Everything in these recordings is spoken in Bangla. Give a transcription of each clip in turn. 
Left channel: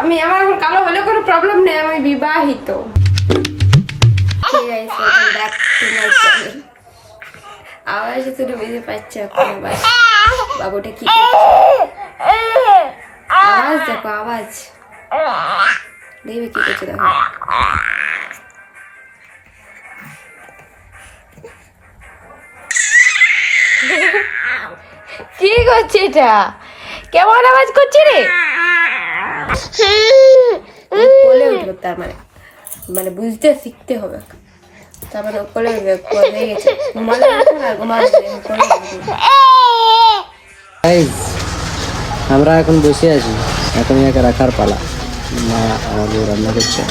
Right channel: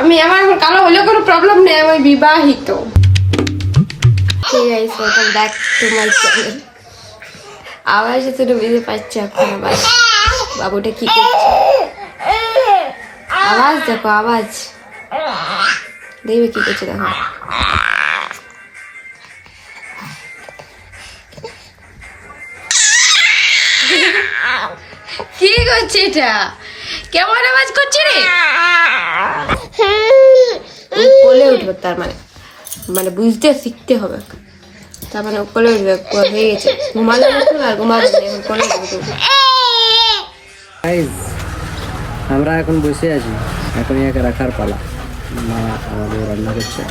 আমি আমার কালো হলে কোনো প্রবলেম নেই, আমি বিবাহিত। Welcome back to my channel. আওয়াজ তো বুঝতে পারছি এখন আবার বাবুটা কি করছে। আওয়াজ দেখো, আওয়াজ দেখবে কি করছে দেখো। কি করছে এটা? কেমন আওয়াজ করছে রে? বলে উঠবে তার মানে মানে বুঝতে শিখতে হবে, তার মানে বলে উঠবে হয়ে গেছে। ঘুমালে আর ঘুমাবে বলে উঠবে। আমরা এখন বসে আছি, এখন একে রাখার পালা। মা আমাদের রান্না করছে,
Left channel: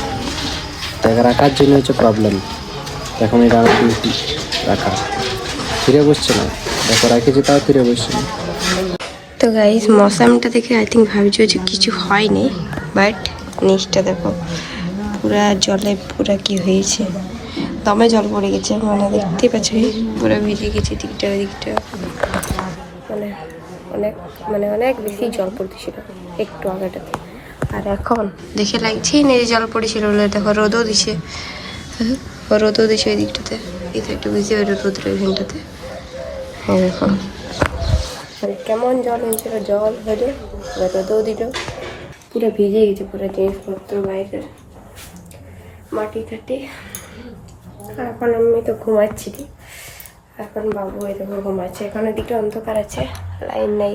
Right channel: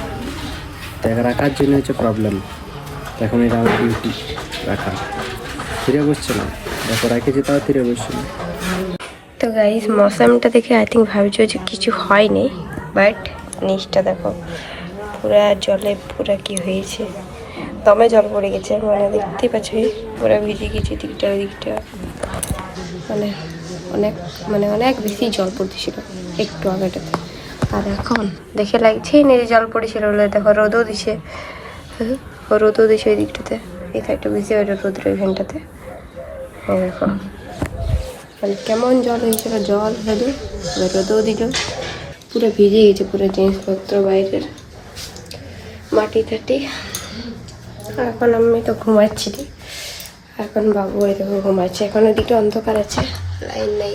তো একে রাখার জন্য হচ্ছে প্রবলেম। এখন এটা আমার ডিউটি রাখা, ফিরে বসছে না। দেখো রাখেছি তাও ফিরে বসছে না। তো গাইস মৌসামটা দেখে আই থিঙ্ক ভাবছো যে কিছু হয়নি, বাট নিচটা দেখো পুরা জলে পুরা কি হয়েছে, দমে জল পড়ে গেছে। মানে দেখতেই পাচ্ছি পুরা ভিজে গেছে দিকটা দিকটা, মানে অনেক মানে অনেক বেশি জল পড়তেছিল একটু আগেটাতে। আর এখন দেখে লাগছেই না যে জল পড়েছিল বলে। দেখো রোদও দিছে, রোদও দিছে ওই দিকটাতে, এই সাইডটা বুঝতে পারো রোদের ওইখানটাতে। হ্যাঁ দেখো মানে কেমন জল হয়েছিল, জল হলো এবার রোদও দিল, পুরো ভিজে গেছে পুরো জিনিসপত্র বাইরের মাটি টাটি। এখন আমি তো ঘুমাচ্ছি, এখন বাবু এরকম ঘুমাচ্ছে। এখন ওদিকে অন্ধকার আছে, লাইন নাই,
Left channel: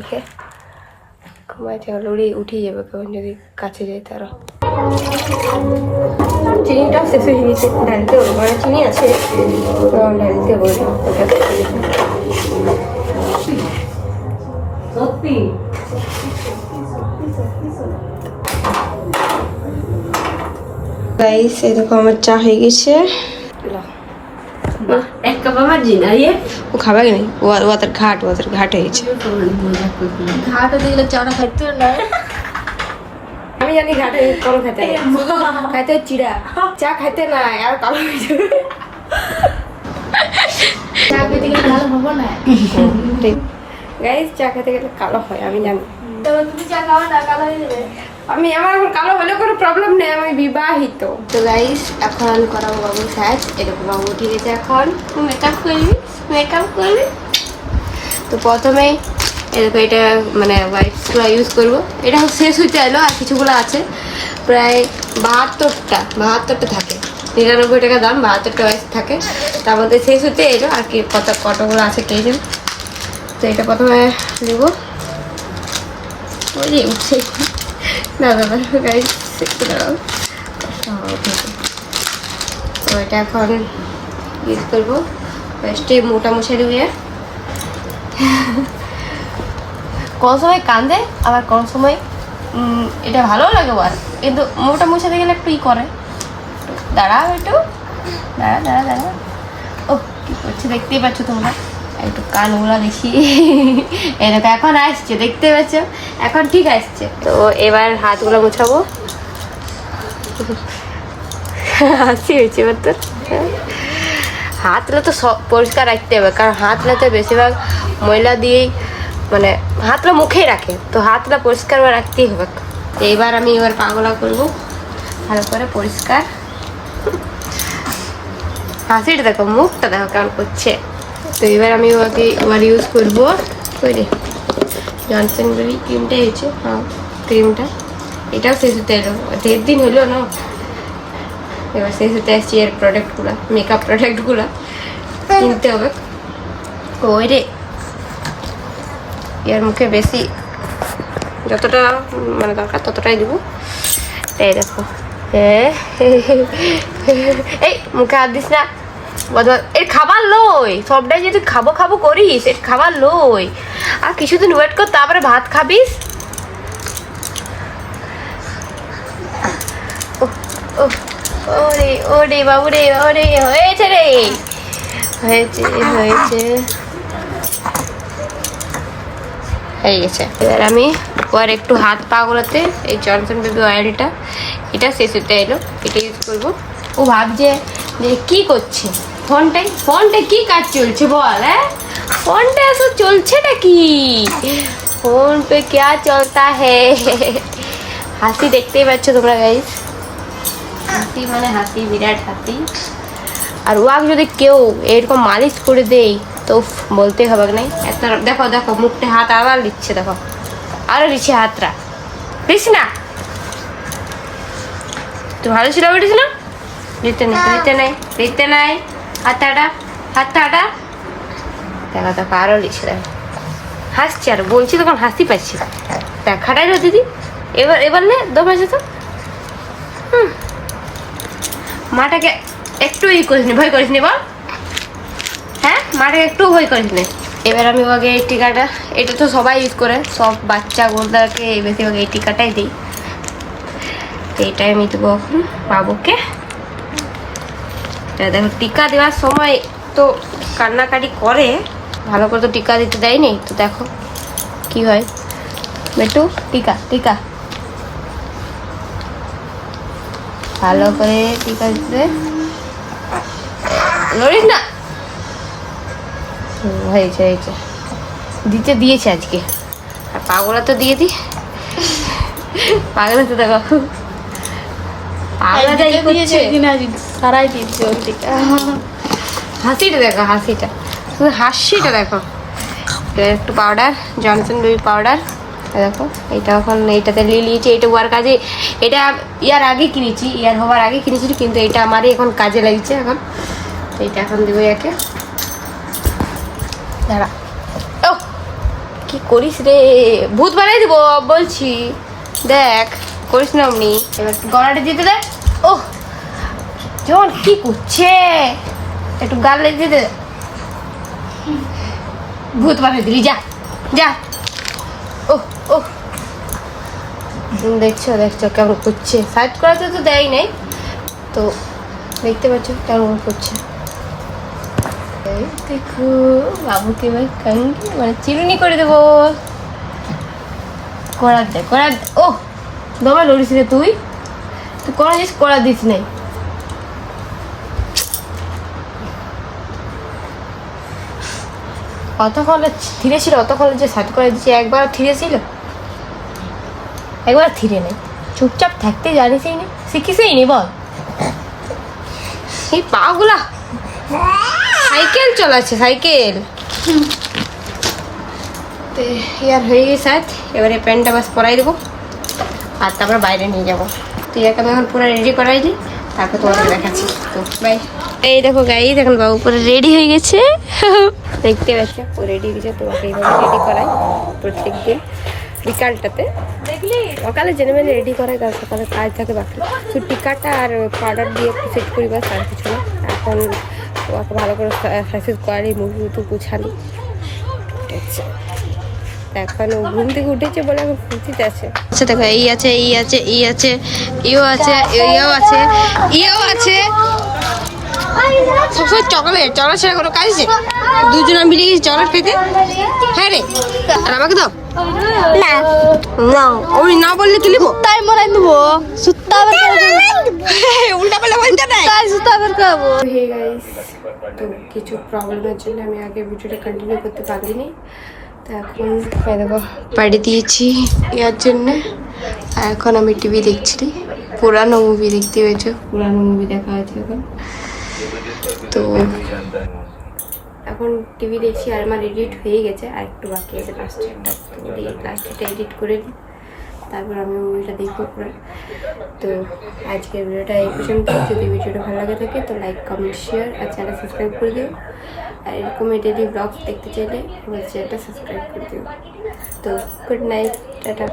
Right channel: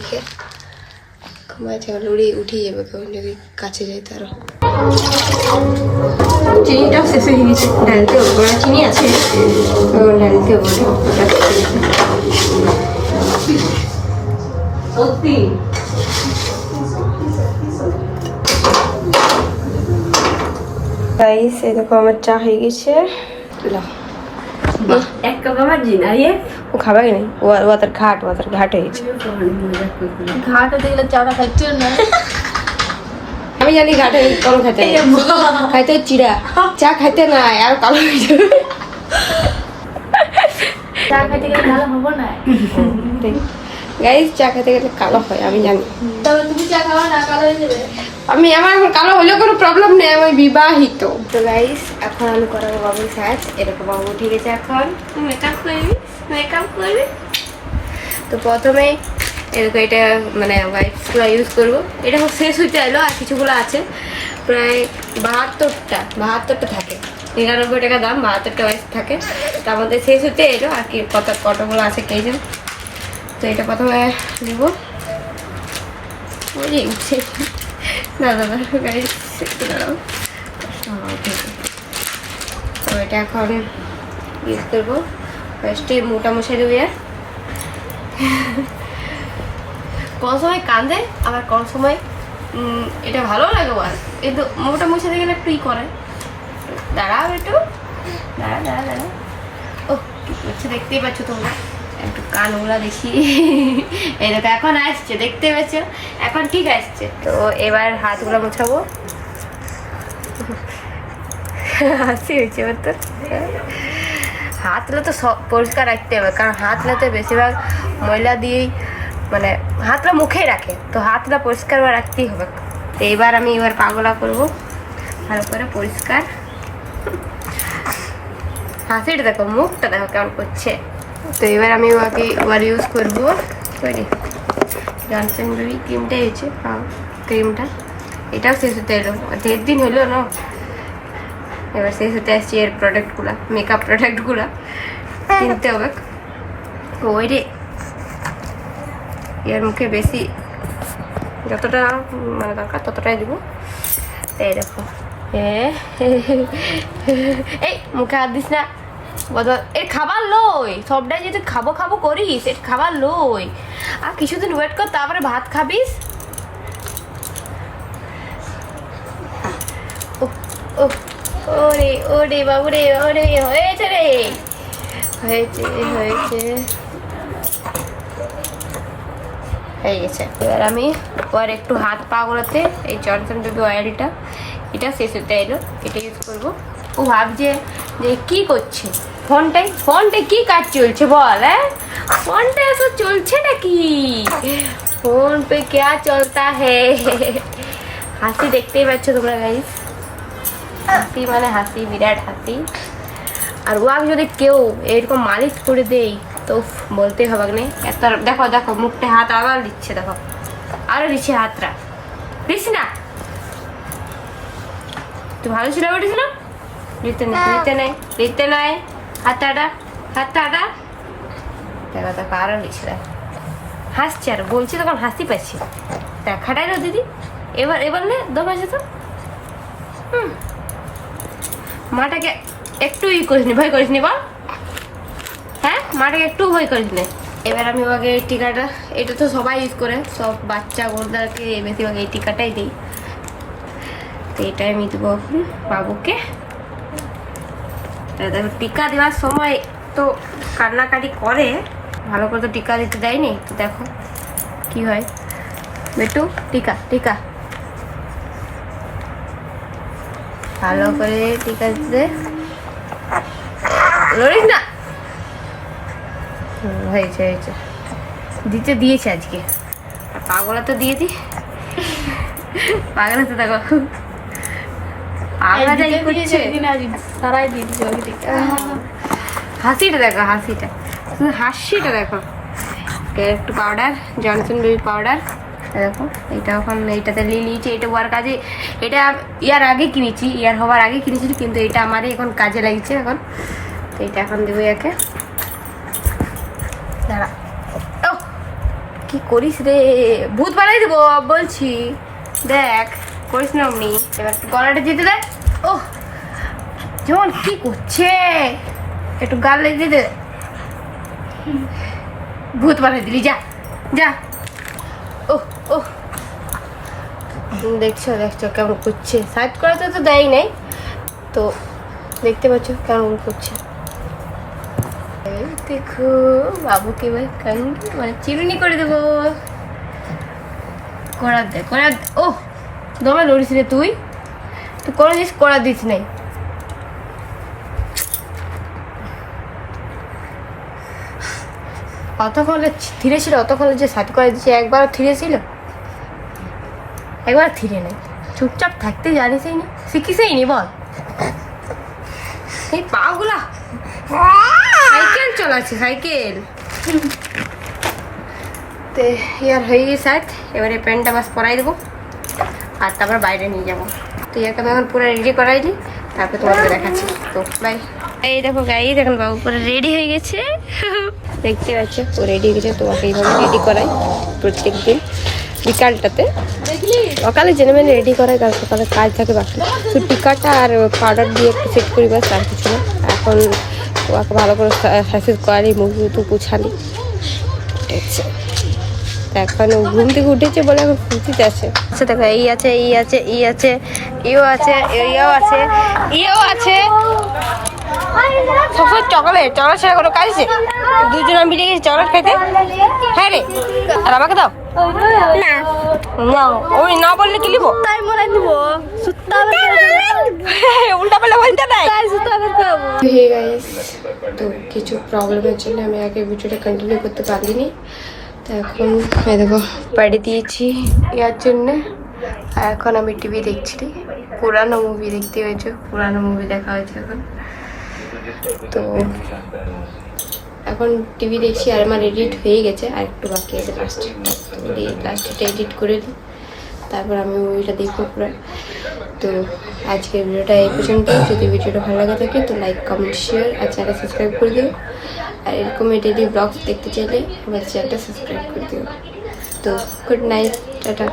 ঘুমাচ্ছে। অলরেডি উঠে যাবে কখন যদি কাছে যাই তারও। চিনিটাও শেষ হয়ে গেছে, ডালতে হবে, চিনি আছে ডালতে হবে। সত্যি গাইস এই দেখো আমার চা হয়ে গেছে। এক কাপ আমার জিনা রে ও খাবে কি নাই, ওয়াটার ঘাট হয়ে গেছে। ঘাট দিলে চারা খাইছো না? আমি জানি ঘাটে কম খাইতে নাই, শুধু খাইতে চিড়া, চা খাইতে নাই আর কালো হয়ে যাবে। চা খাইতে গেলে ভালো হবো না। ঠিক গাইস, চা খেতে গেলে কালো হয় আমি জানি। তুমি চা খাওয়া না, কালো হয়ে যাবে। আমি আমার কালো হলে কোনো প্রবলেম নেই, আমি বিবাহিত। তো গাইস এখন আমি করাবো বাবুর সাজ। এরকম বাবু উঠে গেছে, এখন মেকআপ করবি। তো প্রথমেই এরকম এটা মানে ওয়াইপসগুলো ইউজ করবো। এটা শেষ হইতে এলো, আর কিছুগুলো আছে প্রায় 72টা থাকে। 99 টাকা দাম, 72টা ওয়াইপস থাকে। তার মধ্যে শেষ হতে এলো আর কি কতগুলো আছে কে জানে। তো এটা প্রথমে নিব, ওই যে উঠছে না দাদা গাড়ি একটু দাঁড়াও। তো এটা এখন ইউজ করবো ফার্স্টে মোটা মশারি হয়ে। কোন সময় কান্দে আবার কোন সময় এটা ভালো লাগে আর, কিন্তু মোটা মশারি গেলে একটু ই করে। দাঁড়াও একটু, দাঁড়া। ও কি করছে দেখতেই পাচ্ছ তোমরা, একটু কান ওরা বেশি। এরকম এখন আসছে, দেখতে পাচ্ছ এখন ঠিক আসছে। তো এবার হাতগুলো মুছাবো। হাসি হয়েছে ওর তো। হাতগুলো তো সব পরিষ্কার রাখতে হবে, কারণ হাতগুলো তো বেশিরভাগ ময়লা দিয়েই মানে হাতটা মুখে রাখে, তো হাতটা পরিষ্কার করে রাখতেই হবে। তো এবার আমি পাগুলা করবো ভালো করে পরিষ্কার। হাসিটা দেখো, মুখটা দেখো কেমন করছে। তো এবার আমি ওকে ইউজ করবো জনসন বেবি ক্রিমটাই হচ্ছে, হ্যাঁ ক্রিমটা। এটাও শেষ হতে এলো, 1.5 দিন হলো না। এবার শেষ হতে আসছি এর প্রোডাক্টগুলো, মেকআপ প্রোডাক্টগুলো কিনতে হবে। ওই রে এর মুখে বেশি যতটা মানে দরকার ততটাই দেবো। তাই দেখো, হ্যাঁ এই মুখে হাত দিস না, এর খাবার লই। সবটাই যদি খাবো করিস, এর খাবার লই। আর কিছুদিন ওয়েট কর, তারপরে ভাত খাবিস। ওরে বাবু রে, ওরে হয়েছে রে, হয়েছে হয়ে গেছে। এবার আমি আর একটু হাত পা গুলোতে এই জনসন বেবি অয়েলটা, এটা শেষ হতে এলো, এটা ইউজ করবো। ও ভাবছে যে কি করছে, ফোনটায় কি কাজ চলছে বল? হ্যাঁ ফোনটা এসব চলছে নাকি? ফোন পে क्या चलता है? হাসি দেখতেই পাচ্ছ তোমরা গাইস, হাসি মানে হাসি, বিরাট হাসি। আর ওয়াক যদি কেউ এরকম মালিশ করে দেই তো বলতেই হবে না। একটা দেখো দেখো মুখটা হাত আবার দিচ্ছে, দেখো আরো দিচ্ছে হাতটা, দিস না তুই ভালো ছিল উঠেছ না, দিতে নাই দিতে নাই দিতে নাই, হাতটা হাতটা দেখো দেখো আরো দিচ্ছে, দেখো হাসছি আর বলছি তখন হাসি পাচ্ছি। দেখ খাটাই না দিদি, এবার এবার নে দম আছে তো। মাটাকে একটু করিস নি, ভয় করিস নি বল, হ্যাঁ মাটাকে একটু ভয় করিস নি। এবার আমি ওকে এই টিকাটা, এটা তো সবাই ইউজ করে, সব বাচ্চাগুলোকে বেশিরভাগ এই টিকাটাই দিই। এটাই আমি দেবো এখন বাবুকে। দেখো টিকা দেওয়ার সময় তো কান্নাকাটি করে, ভালো করে তো টিকা দিতে দেয়নি, তো দেখো কি হয়। বেটু টিকা টিকা ভালো করে টিকা দিতে লড়িস না। হয়েছে হয়েছে, দিতে দিয়েছে আজকে। আর পাগলা তো দিয়ে দি, পাগলা তো দেখো পাগলা যাই করছে, সারাই দিয়েছে ওই দিকটা। হাসিটা দেখো, হাসিটা শুধু হাসিটা দেখো। একটু পাউডার, জনসন বেবি পাউডার দেখো, এটা এখন এইটাতে নিয়ে নিয়েছি। এটা ওয়ার কাজে, এটা ইয়ার আগে কিনেছি, ইয়ার হওয়ার আগে কিনেছি, কিন্তু এটা আমারই এখন কাজে লাগছে। এখন এইটা এখন দেবো একে। দাঁড়া, ও কি করিস রে, ভূত বানাই দিব বলছি, দেখ করিস না এমনি। এবার গলাটা দিতে দেয়, ও যেমন কি করছে, একটু গাল লেগে দে, ভূত বানাই দিলি, যা যা। ও ও দেখছো দেখছো কেমন করছে, সাইড করাতে তো দেয় নাই, তো দেখতে পাচ্ছ কেমন করছে। দেখো বাবুকে এবার মানে চিরুনি করে দেবো, করার দে করার। ও দমে লড়িস রে তুই, তুই করিস করা দিস নাই। অতক্ষণে ধীরে ছিল, অতক্ষণে যে সাইড করে দিচ্ছে, একবার ধীরে ছিল, একবার ধীরে নেই, চুপচাপ থাকতে জানিসই না, শিখিসই নি বল। এই পাগুলা সাইকেল চালাচ্ছে, সাইকেল। তো ইয়ার হয়ে গেছে, এবারে প্যান্টটা বাস পরাই দেবো আর তারপর বাইরে নিয়ে যাবো। তো ইয়াকে আমি এখন পুরো রেডি করাই দিই, তারপর তোমাদেরকে দেখাচ্ছি। তো বাই। এই দেখো গাই, দেখুন বাবু পুরো রেডি হয়ে গেছে, দেখতে পাচ্ছ ও রেডি হয়ে গেছে। তোমাকে এইভাবে রেডি করাই প্রত্যেক দিন বিকালটাতে, সকালে জেনে মেনে রেডি করাই, কারণ সকালে কাজ থাকে বাকি। তো টিকাটা আর পাউডার দিয়ে একটু সেট করি, বাস আর কিছু না। এখন ওকে ভালো করে সাইজ করালি, মুখ টুকু পুছালি, দেখছে। এখন ও ঘুম থেকে উঠেছে বলে এখন ফুর্তিতে আছে। আচ্ছা দেখো এই আছে, এই আছে, এই আছে, ইও আছে, ইয়েও আছে, ইয়েও আছে। সবসময় চকলেট, চকলেট ছাড়া কোনো কাজ আছে? দুজনে মিলে গেছি চকলেট খাইতে। হ্যাঁ রে, আর আমাকে দাও না, না আমি না বললে কি লিবো, তাই মনে নিবো সুত্তা উল্টা পাল্টা বলতে নাই, সুত্তা খাবো। হে গাইস, তো কিছু প্রবলেমের জন্য আমি আগে ভিডিওটা কন্টিনিউ করতে পারিনি। তো এখন দেখো পাড়ি দিয়েছি ইয়ার জন্যে, আর এখন আমি টিভি দেখছি, পুরানো মুভি দেখতে হয়েছে, পুরানো মুভি দেখা হয়েছে এখন। তো এখন টিভি দেখছি, আর আমার এডিট হয়ে গেছে, আর একটু বাকি আছে লাস্টে। তো লাস্টে এডিট করে দিই, তারপর আমি মুভিটা দেখবো পুরো। তো আজকের ভিডিওটা এই পর্যন্ত। যদি ভিডিওটা ভালো লাগে থাকে তো লাইক কমেন্ট শেয়ার আর চ্যানেল সাবস্ক্রাইব করে দিও। আর এরকম ডেইলি ব্লগস দেখতে চাইলে আমার চ্যানেলটা সাবস্ক্রাইব করে দিও। তো গুড নাইট, টাটা।